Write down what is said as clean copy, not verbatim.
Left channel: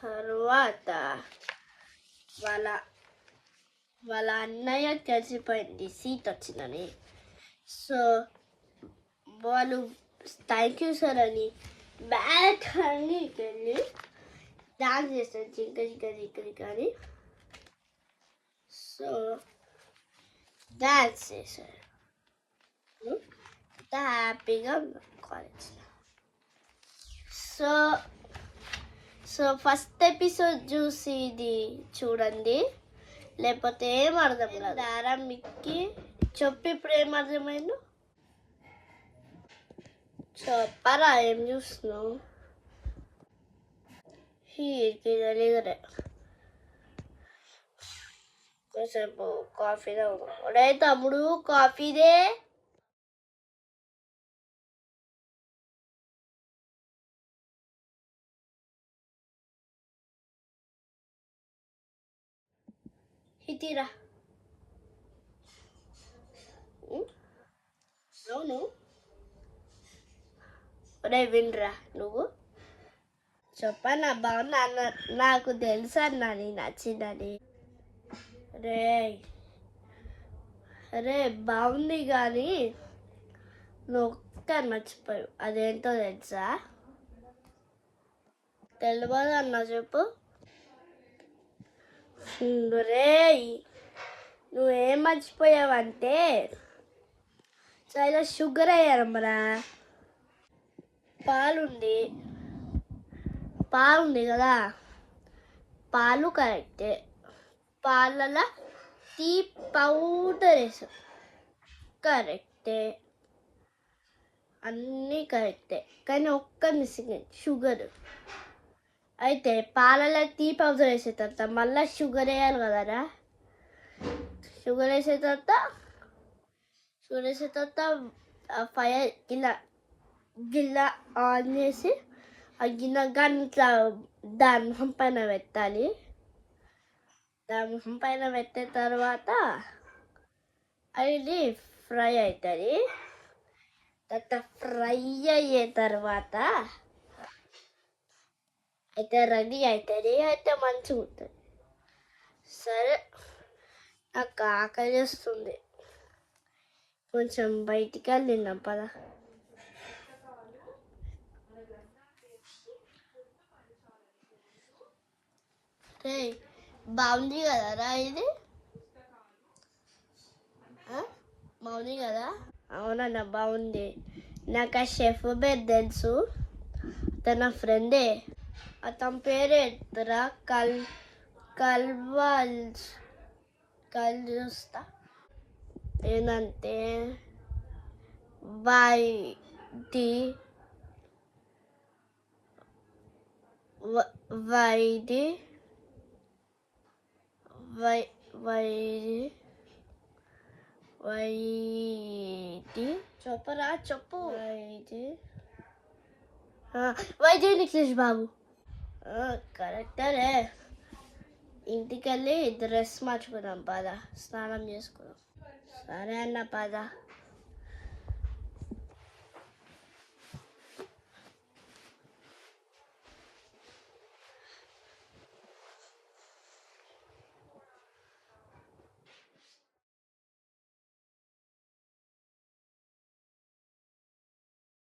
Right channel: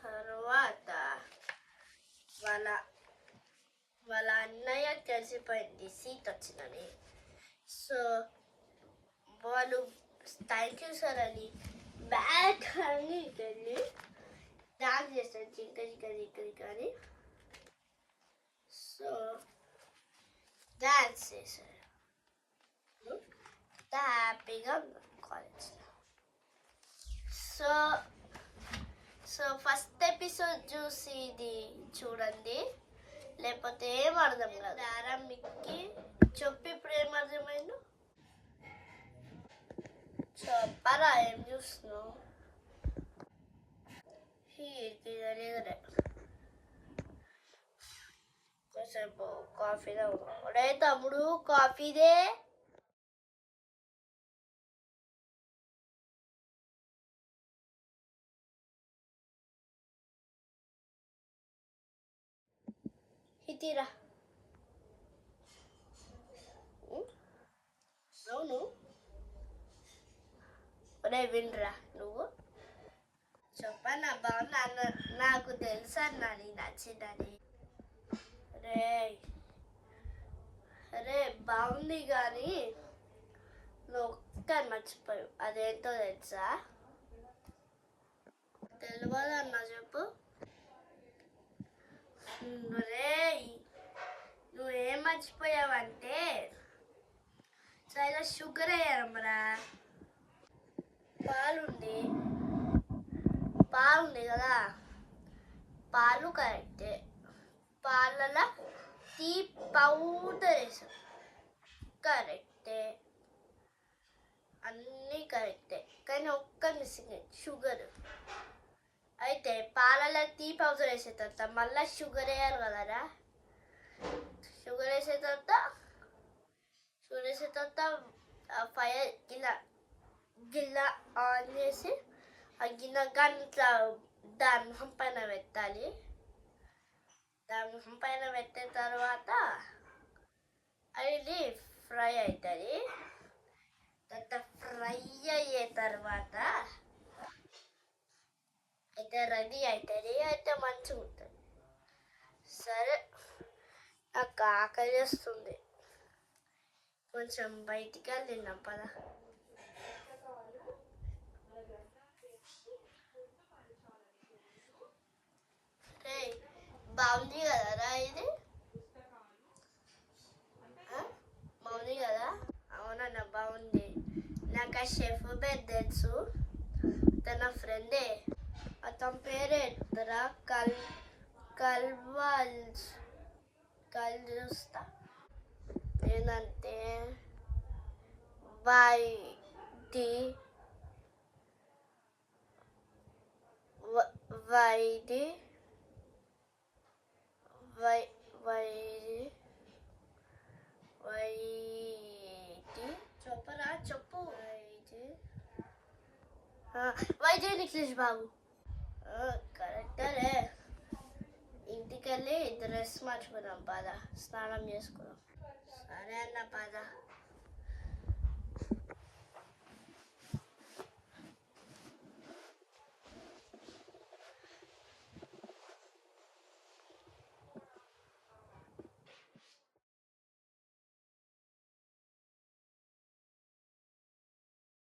తర్వాత వాళ్ళ వాళ్ళ అన్నయ్య తెలిసిపోయింది సీట్ వచ్చిందని. సో వాళ్ళు థ్యాంక్ యూ సార్ అని బ్యాక్ అని వెళ్ళి డాన్స్ చేస్తారు జింక జింక జింక జింక అని. సో డాన్స్ చేశారు. హ్యాపీగా కాలేజ్లో. సో సో ఫస్ట్ ఎపిసోడ్ చూసి ఇది చూడండి, లేకపోతే ఏం అర్థం కాదు. ఆరంభికి చెప్పి ఇప్పుడు ఏం అర్థమైందో చెప్పరా, ఏం చూస్తున్నావు? తెలియదురే. కాసేపు కాఫీ తాగుతా. ఒరే తమ్ముడు కాఫీదే. ఇటీరా. అవును ఒరే వినరా, నువ్వు చెప్పన్నా బాగున్నా అన్న. నాకు తెలుసు అన్నా నీ నచ్చిందని. రే అరే బాగుంది కానీ నువ్వు ఒక్క మర్చిపోయావు, అదేంటో తెలుసా? తెలియదు అన్న, చెప్పు. రే నువ్వేం మర్చిపోయావంటే చాలా షుగర్ అయ్యారమ్మరా. పాలుంది కదా, పాలు కరెక్టే. పాలలో టీ పౌడర్ వేసాం కరెక్టే, అన్నీ కరెక్టే. కానీ ఒక్క మిస్సింగ్ షుగర్. అయితే పాలలో టీ పౌడర్ వేసే తర్వాత మళ్ళీ షుగర్ వేయాలి కదరా. షుగర్ వేసే తర్వాత ఫైర్ గిన్నె ఆన్ చేసి ఆ గిన్నె గంటల దాని మొహం పైన పెట్టాలి. దాని మొహం పైన పెట్టిన తర్వాత అది ఫ్రై అవుతుంది. తర్వాత ఫ్రై అయ్యే తర్వాత అయితే రెడీ అవుతుంది. అయితే మంచిగా ఉంటుంది. సరే నాకు ఆకలి చేస్తుంది, కొంచెం బయటికి వెళ్ళి తిన్నాం పదా. బాగుంది కదరా ఇది? బాగుంది కదా? అవునన్నా బాగుంది. నాకు ఆ షెఫ్ పేరు తెలుసు, తన ఫ్రెండే. అతని పేరు ఎత్తరా చూస్తా ఏంటంటే వైది చెప్పరా, చెప్పు. వైది నిఖిలేష్ బాబు కరెక్టరే. ఇంటికి వెళ్ళి డ్రెస్ మార్చుకున్నాం పద, స్నానం చేసుకున్నాం. సరే అన్న పద.